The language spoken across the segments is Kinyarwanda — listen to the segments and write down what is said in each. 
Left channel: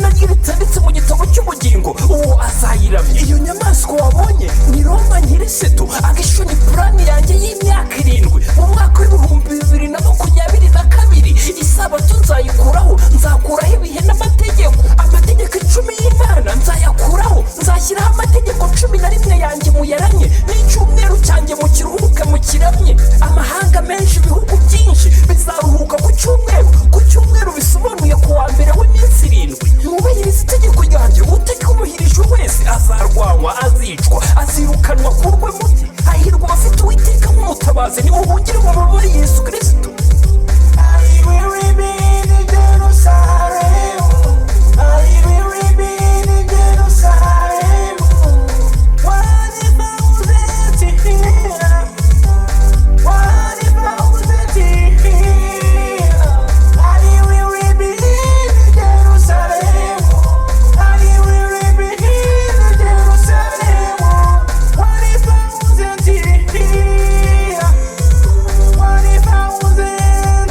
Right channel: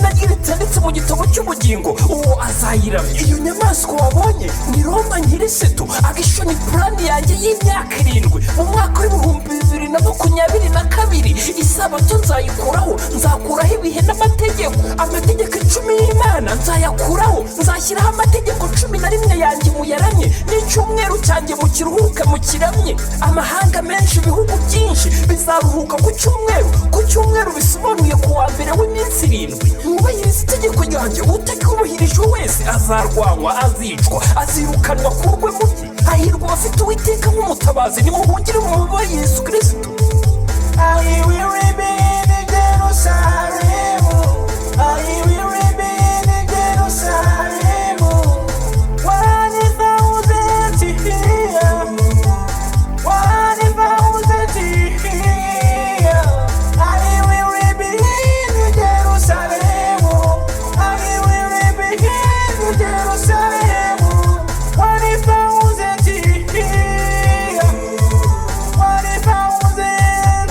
izina rye ritanditse mu gitabo cy'ubugingo uwo azayiramya. Iyo nyamaswa wabonye ni Roma nyir'isitu. agishoni purani yanjye y'imyaka 7 mu mwaka w'2022. isabato nzayikuraho, nzakuraho ibihe n'amategeko. amategeko 10 y'Imana nzayakuraho, nzashyiraho amategeko 11 yanjye muyaramye, n'icyumweru cyanjye mu kiruhuke mu kiramye. amahanga menshi, ibihugu byinshi bizaruhuka ku cyumweru. ku cyumweru bisobanuye ku wa mbere w'iminsi 7. mwubahiriza itegeko ryanjye. utaryubahirijwe wese azarwanywa, azicwa, azirukanwa kurwe mu bye. hahirwa abafite Uwiteka nk'umutabazi. nimuhungire mu mababa ya Yesu Kristo. I will remain in Jerusalem. I will remain in Jerusalem. 1,000 here, 1,000 here. I will remain in Jerusalem. I will remain in Jerusalem. 1,000 here, 1,000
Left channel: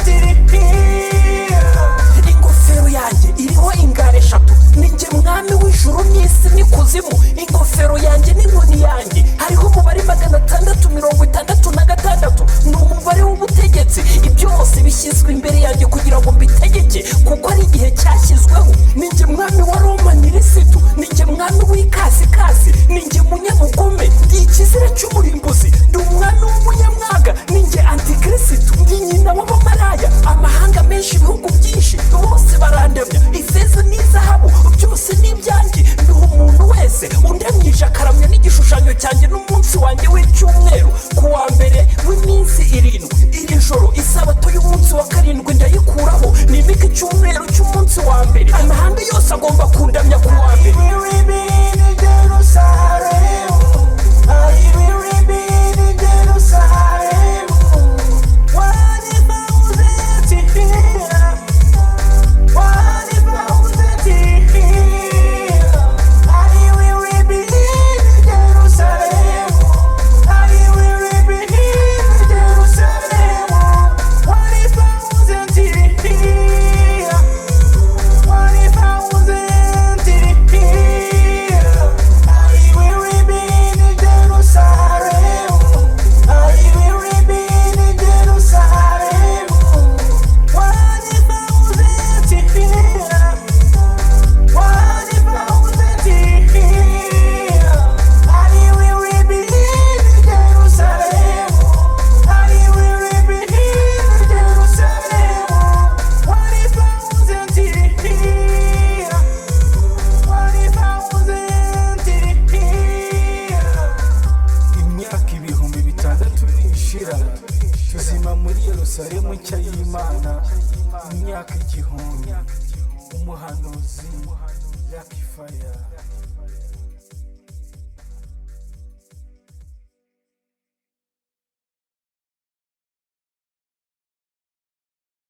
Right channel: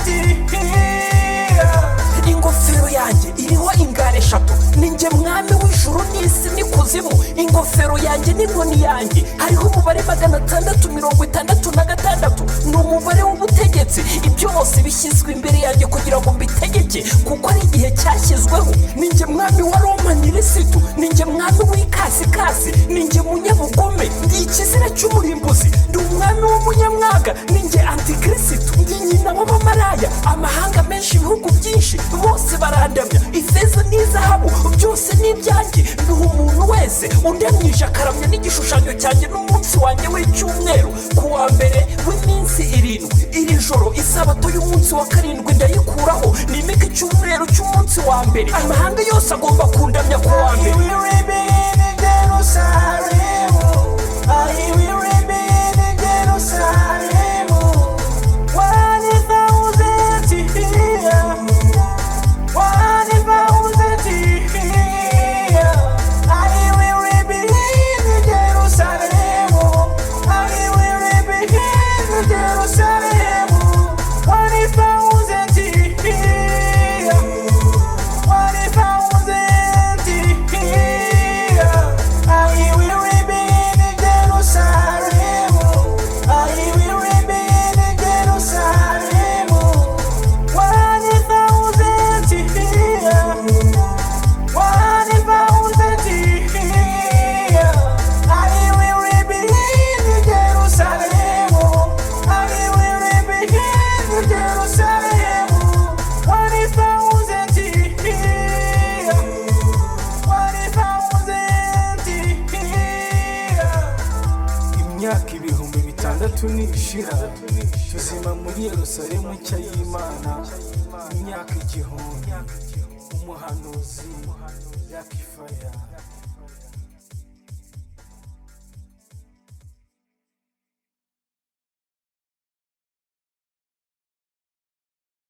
here. ingofero yanjye iriho ingare 3. ninjye mwami w'ijuru n'isi n'ikuzimu. ingofero yanjye n'inkoni yanjye hariho umubare 666. ni umubare w'ubutegetsi. ibyose bishyizwe imbere yanjye kugira ngo mbitegeke, kuko ari igihe cyashyizweho. ninjye mwami wa Roma nyir'isitu. ninjye mwami w'ikasikasi. ninjye munyabugome, ndi ikizira cy'umurimbuzi. ndi umwami w'umunyamwaga. ninjye antikrisitu. ndi nyina w'abamaraya. amahanga menshi, ibihugu byinshi bose barandamya. ifeza n'izahabu byose ni ibyanjye. nduha umuntu wese undamyije akaramya n'igishushanyo cyanjye n'umunsi wanjye w'icyumweru ku wa mbere w'iminsi 7. iri joro isabato y'umunsi wa 7 ndayikuraho, nimika icyumweru cy'umunsi wa mbere. amahanga yose agomba kundamya ku wa mbere. I will remain in Jerusalem. I will remain in Jerusalem. 1,000 here, 1,000 here. I will remain in Jerusalem. I will remain in Jerusalem. 1,000 here, 1,000 here. I will remain in Jerusalem. I will remain in Jerusalem. 1,000 here, 1,000 here. I will remain in Jerusalem. I will remain in Jerusalem. 1,000 here, 1,000 here. imyaka 6,000 nishira, tuzima muri Yerusalemu nshya y'Imana. imyaka 1,000, umuhanuzi yakifaya.